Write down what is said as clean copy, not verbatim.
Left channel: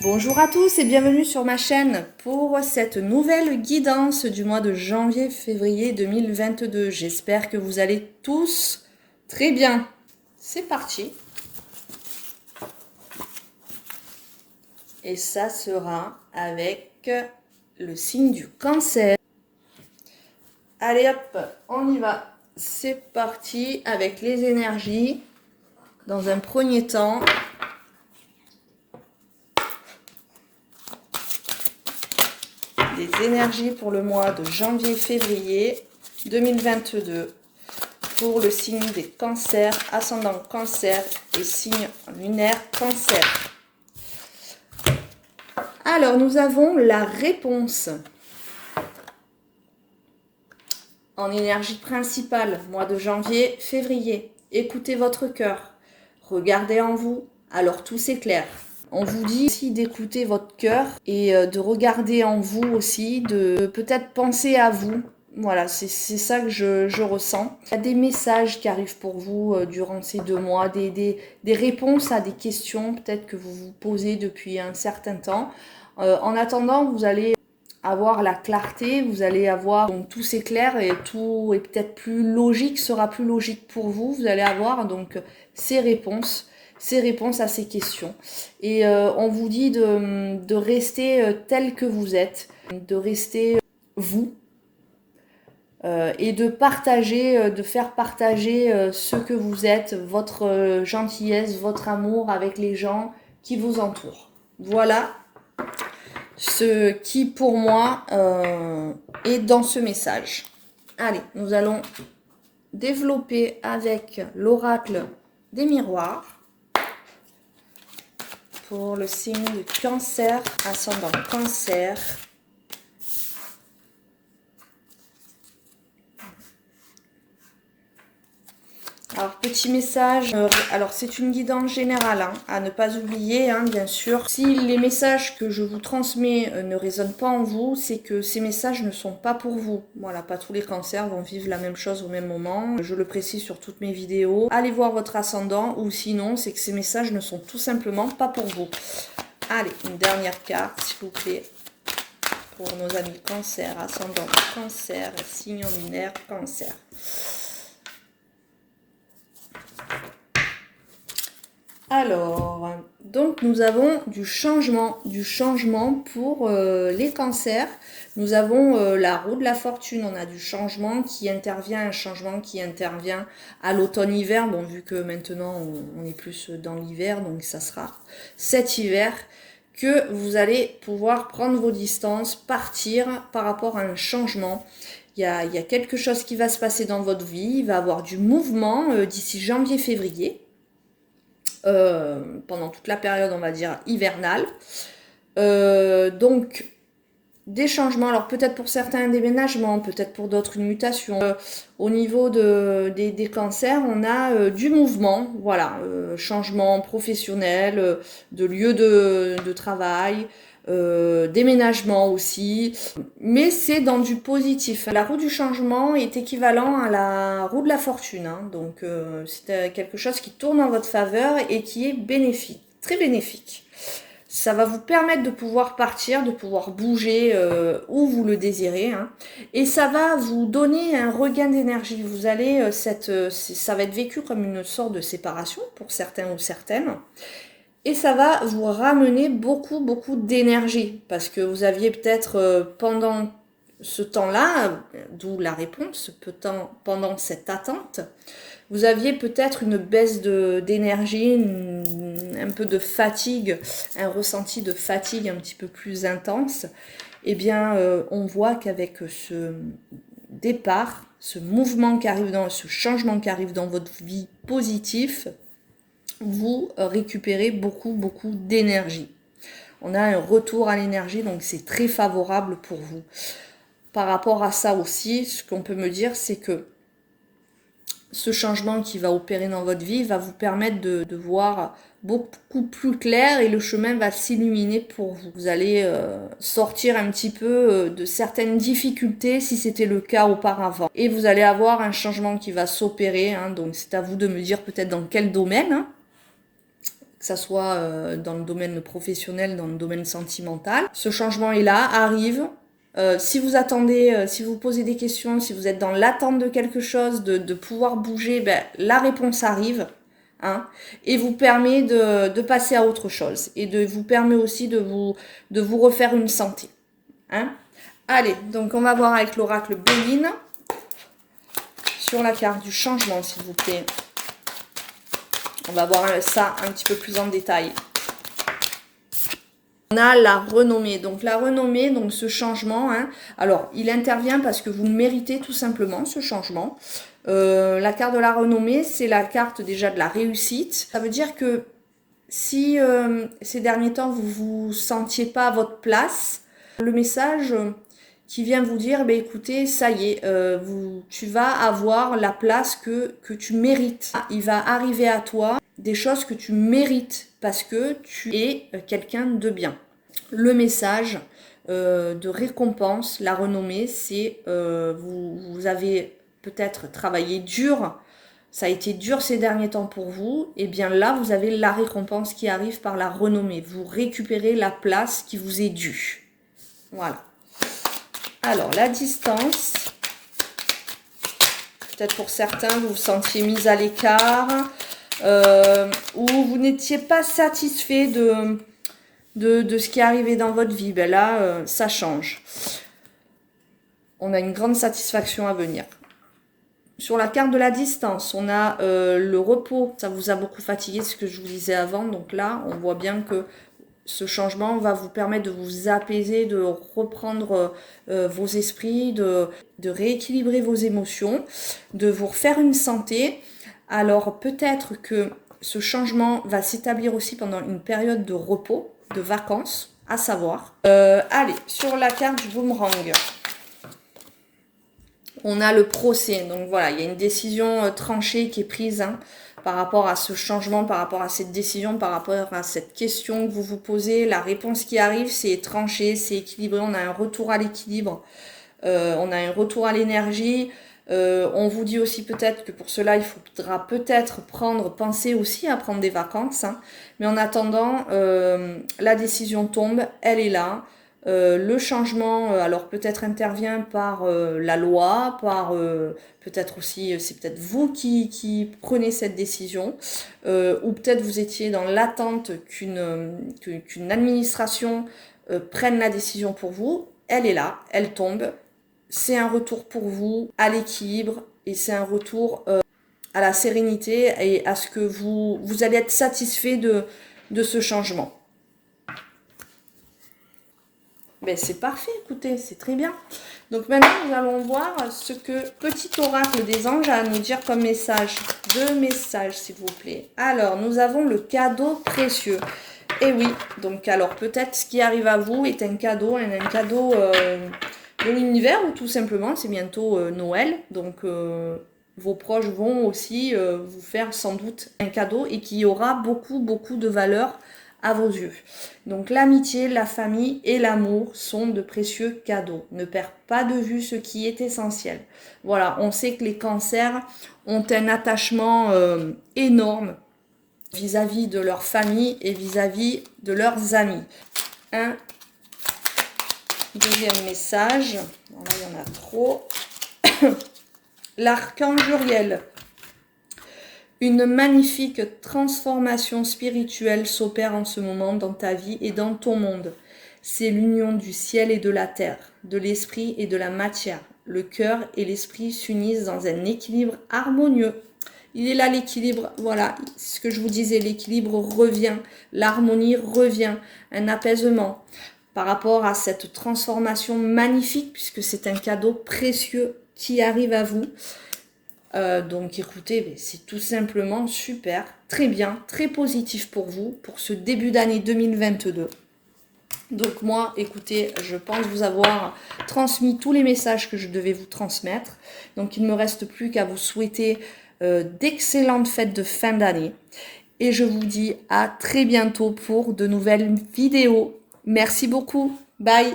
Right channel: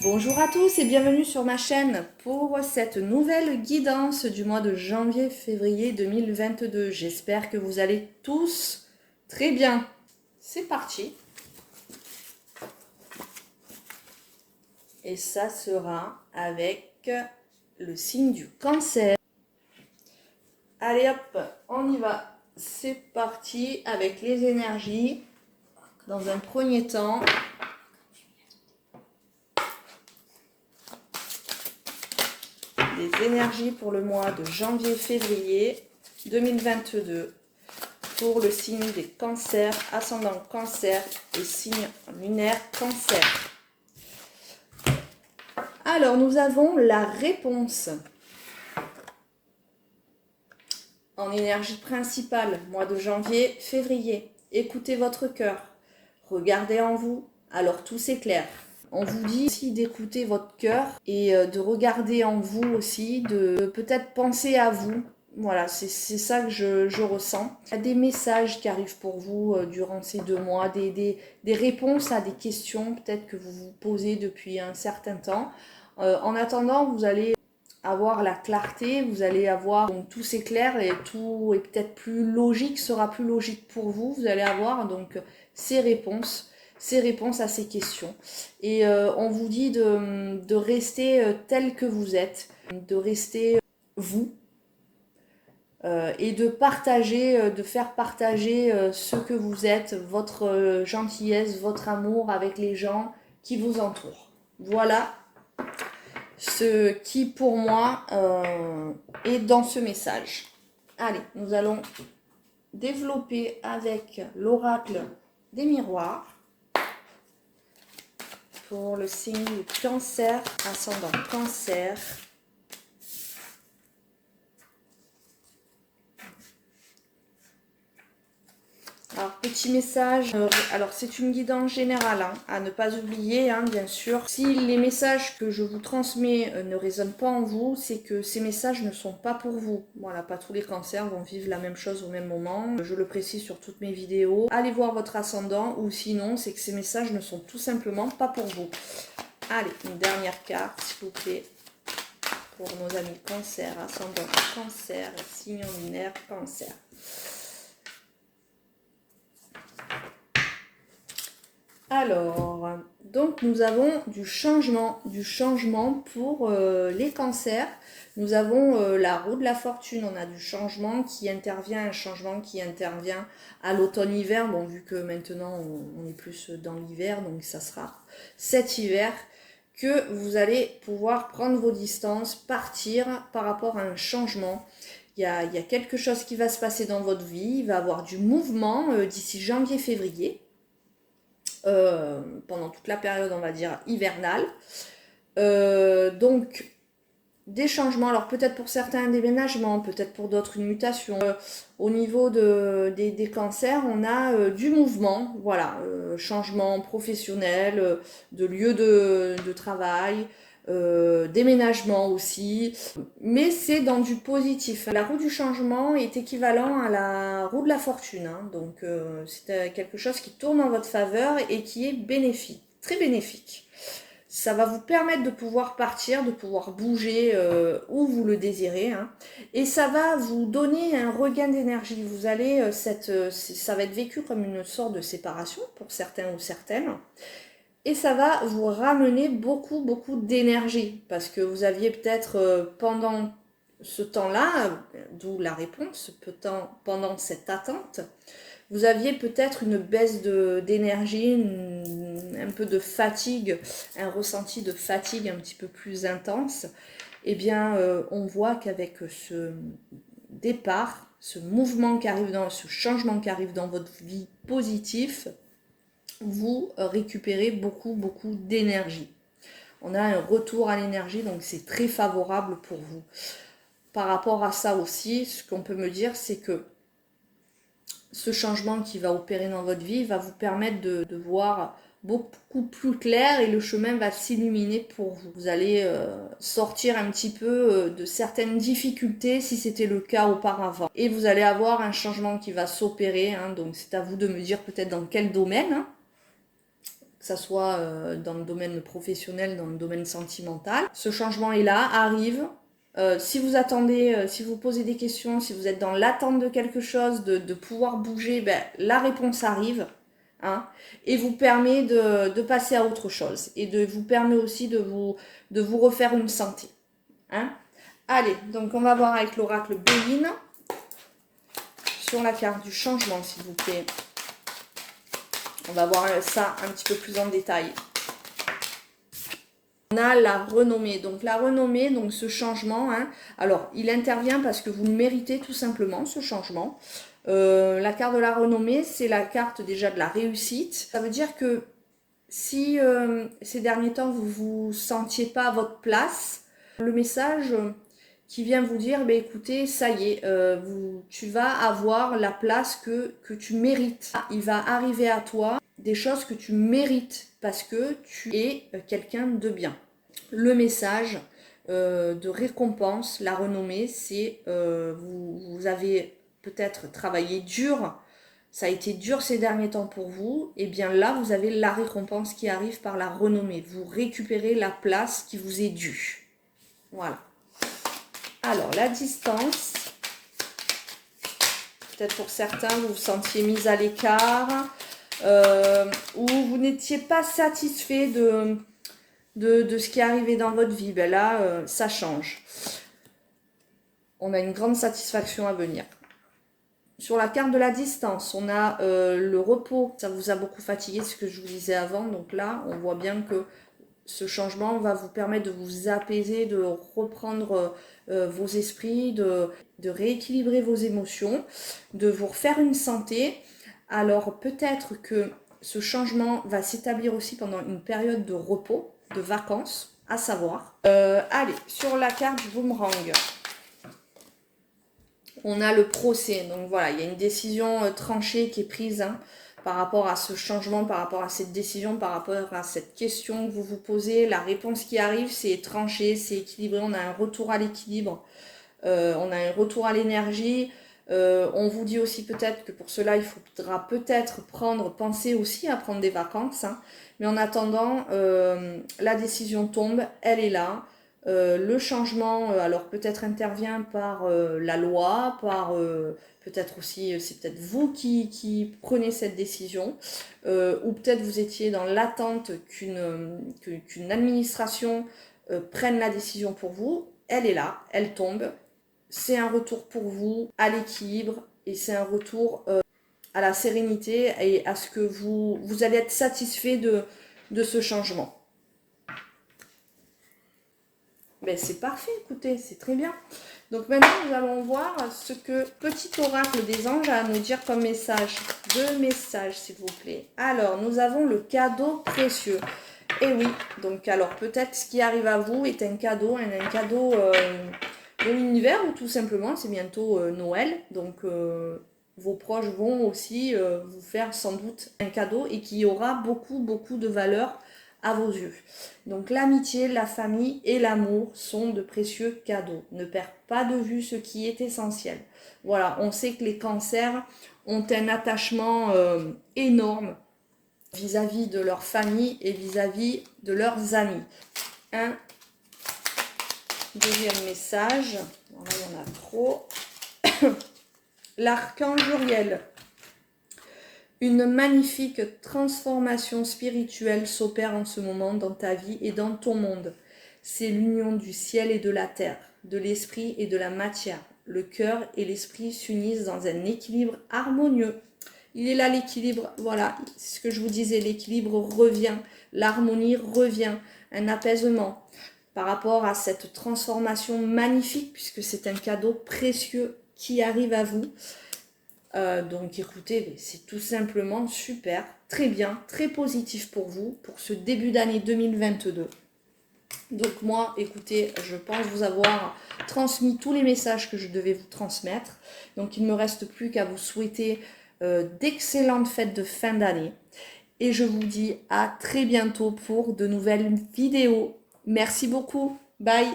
Bonjour à tous et bienvenue sur ma chaîne pour cette nouvelle guidance du mois de janvier-février 2022. J'espère que vous allez tous très bien. C'est parti. Et ça sera avec le signe du Cancer. Allez hop, on y va. C'est parti avec les énergies. Dans un premier temps, les énergies pour le mois de janvier-février 2022 pour le signe des cancers, ascendant cancer et signe lunaire cancer. Alors, nous avons la réponse en énergie principale, mois de janvier-février. Écoutez votre cœur, regardez en vous, alors tout s'éclaire. On vous dit aussi d'écouter votre cœur et de regarder en vous aussi, de peut-être penser à vous. Voilà, c'est ça que je ressens. Il y a des messages qui arrivent pour vous durant ces 2 mois, des réponses à des questions peut-être que vous vous posez depuis un certain temps. En attendant, vous allez avoir la clarté, vous allez avoir, donc tout s'éclaire et tout est peut-être plus logique, sera plus logique pour vous. Vous allez avoir donc ces réponses à ces questions. Et on vous dit de rester tel que vous êtes, de rester vous, et de partager, de faire partager ce que vous êtes, votre gentillesse, votre amour avec les gens qui vous entourent. Voilà ce qui pour moi est dans ce message. Allez, nous allons développer avec l'oracle des miroirs pour le signe du cancer, ascendant cancer. Alors, petit message, alors c'est une guidance générale, hein, à ne pas oublier, hein, bien sûr. Si les messages que je vous transmets ne résonnent pas en vous, c'est que ces messages ne sont pas pour vous. Voilà, pas tous les cancers vont vivre la même chose au même moment. Je le précise sur toutes mes vidéos. Allez voir votre ascendant, ou sinon, c'est que ces messages ne sont tout simplement pas pour vous. Allez, une dernière carte, s'il vous plaît, pour nos amis cancer, ascendant cancer, signe lunaire cancer. Alors, donc nous avons du changement pour les cancers. Nous avons la roue de la fortune, on a du changement qui intervient, un changement qui intervient à l'automne-hiver. Bon, vu que maintenant on est plus dans l'hiver, donc ça sera cet hiver que vous allez pouvoir prendre vos distances, partir par rapport à un changement. Il y a quelque chose qui va se passer dans votre vie, il va y avoir du mouvement d'ici janvier-février. Pendant toute la période, on va dire, hivernale. Donc, des changements, alors peut-être pour certains un déménagement, peut-être pour d'autres une mutation. Au niveau des cancers, on a du mouvement, voilà, changement professionnel, de lieu de travail, déménagement aussi, mais c'est dans du positif. La roue du changement est équivalent à la roue de la fortune, hein, donc c'est quelque chose qui tourne en votre faveur et qui est bénéfique, très bénéfique. Ça va vous permettre de pouvoir partir, de pouvoir bouger où vous le désirez, hein, et ça va vous donner un regain d'énergie. Vous allez, ça va être vécu comme une sorte de séparation pour certains ou certaines. Et ça va vous ramener beaucoup d'énergie, parce que vous aviez peut-être pendant ce temps-là, d'où la réponse, pendant cette attente, vous aviez peut-être une baisse d'énergie, un peu de fatigue, un ressenti de fatigue un petit peu plus intense. Eh bien, on voit qu'avec ce départ, ce mouvement qui arrive ce changement qui arrive dans votre vie positif, vous récupérez beaucoup d'énergie. On a un retour à l'énergie, donc c'est très favorable pour vous. Par rapport à ça aussi, ce qu'on peut me dire, c'est que ce changement qui va opérer dans votre vie va vous permettre de voir beaucoup plus clair et le chemin va s'illuminer pour vous. Vous allez sortir un petit peu de certaines difficultés si c'était le cas auparavant. Et vous allez avoir un changement qui va s'opérer, hein, donc c'est à vous de me dire peut-être dans quel domaine, hein, que ça soit dans le domaine professionnel, dans le domaine sentimental. Ce changement est là, arrive. Si vous attendez, si vous posez des questions, si vous êtes dans l'attente de quelque chose, de pouvoir bouger, ben, la réponse arrive. Hein, et vous permet de passer à autre chose. Et vous permet aussi de vous refaire une santé. Hein. Allez, donc on va voir avec l'oracle Béline. Sur la carte du changement, s'il vous plaît. On va voir ça un petit peu plus en détail. On a la renommée. Donc la renommée, donc ce changement, hein, alors il intervient parce que vous le méritez tout simplement, ce changement. La carte de la renommée, c'est la carte déjà de la réussite. Ça veut dire que si ces derniers temps, vous ne vous sentiez pas à votre place, le message qui vient vous dire, bah, écoutez, ça y est, tu vas avoir la place que tu mérites. Il va arriver à toi des choses que tu mérites parce que tu es quelqu'un de bien. Le message de récompense, la renommée, c'est vous avez peut-être travaillé dur, ça a été dur ces derniers temps pour vous, et bien là, vous avez la récompense qui arrive par la renommée. Vous récupérez la place qui vous est due. Voilà. Alors, la distance. Peut-être pour certains, vous vous sentiez mis à l'écart, ou vous n'étiez pas satisfait de ce qui est arrivé dans votre vie. Ben là, ça change. On a une grande satisfaction à venir. Sur la carte de la distance, on a le repos. Ça vous a beaucoup fatigué, ce que je vous disais avant. Donc là, on voit bien que ce changement va vous permettre de vous apaiser, de reprendre vos esprits, de rééquilibrer vos émotions, de vous refaire une santé. Alors peut-être que ce changement va s'établir aussi pendant une période de repos, de vacances, à savoir. Allez, sur la carte du boomerang. On a le procès, donc voilà, il y a une décision tranchée qui est prise hein, par rapport à ce changement, par rapport à cette décision, par rapport à cette question que vous vous posez. La réponse qui arrive, c'est tranché, c'est équilibré, on a un retour à l'équilibre, on a un retour à l'énergie. On vous dit aussi peut-être que pour cela, il faudra peut-être penser aussi à prendre des vacances. Hein, mais en attendant, la décision tombe, elle est là. Le changement, alors peut-être intervient par la loi, par peut-être aussi, c'est peut-être vous qui prenez cette décision, ou peut-être vous étiez dans l'attente qu'une administration prenne la décision pour vous. Elle est là, elle tombe. C'est un retour pour vous à l'équilibre et c'est un retour à la sérénité et à ce que vous allez être satisfait de ce changement. Ben, c'est parfait, écoutez, c'est très bien. Donc maintenant, nous allons voir ce que petit oracle des anges a à nous dire comme message. 2 messages, s'il vous plaît. Alors, nous avons le cadeau précieux. Et oui, donc alors peut-être ce qui arrive à vous est un cadeau de l'univers ou tout simplement, c'est bientôt Noël. Donc, vos proches vont aussi vous faire sans doute un cadeau et qui aura beaucoup, beaucoup de valeur à vos yeux. Donc l'amitié, la famille et l'amour sont de précieux cadeaux. Ne perds pas de vue ce qui est essentiel. Voilà, on sait que les cancers ont un attachement énorme vis-à-vis de leur famille et vis-à-vis de leurs amis. Un deuxième message. Là, il y en a trop. L'archange Uriel. Une magnifique transformation spirituelle s'opère en ce moment dans ta vie et dans ton monde. C'est l'union du ciel et de la terre, de l'esprit et de la matière. Le cœur et l'esprit s'unissent dans un équilibre harmonieux. Il est là l'équilibre, voilà, c'est ce que je vous disais, l'équilibre revient, l'harmonie revient, un apaisement par rapport à cette transformation magnifique puisque c'est un cadeau précieux qui arrive à vous. Donc écoutez, c'est tout simplement super, très bien, très positif pour vous, pour ce début d'année 2022. Donc moi, écoutez, je pense vous avoir transmis tous les messages que je devais vous transmettre. Donc il ne me reste plus qu'à vous souhaiter d'excellentes fêtes de fin d'année. Et je vous dis à très bientôt pour de nouvelles vidéos. Merci beaucoup, bye.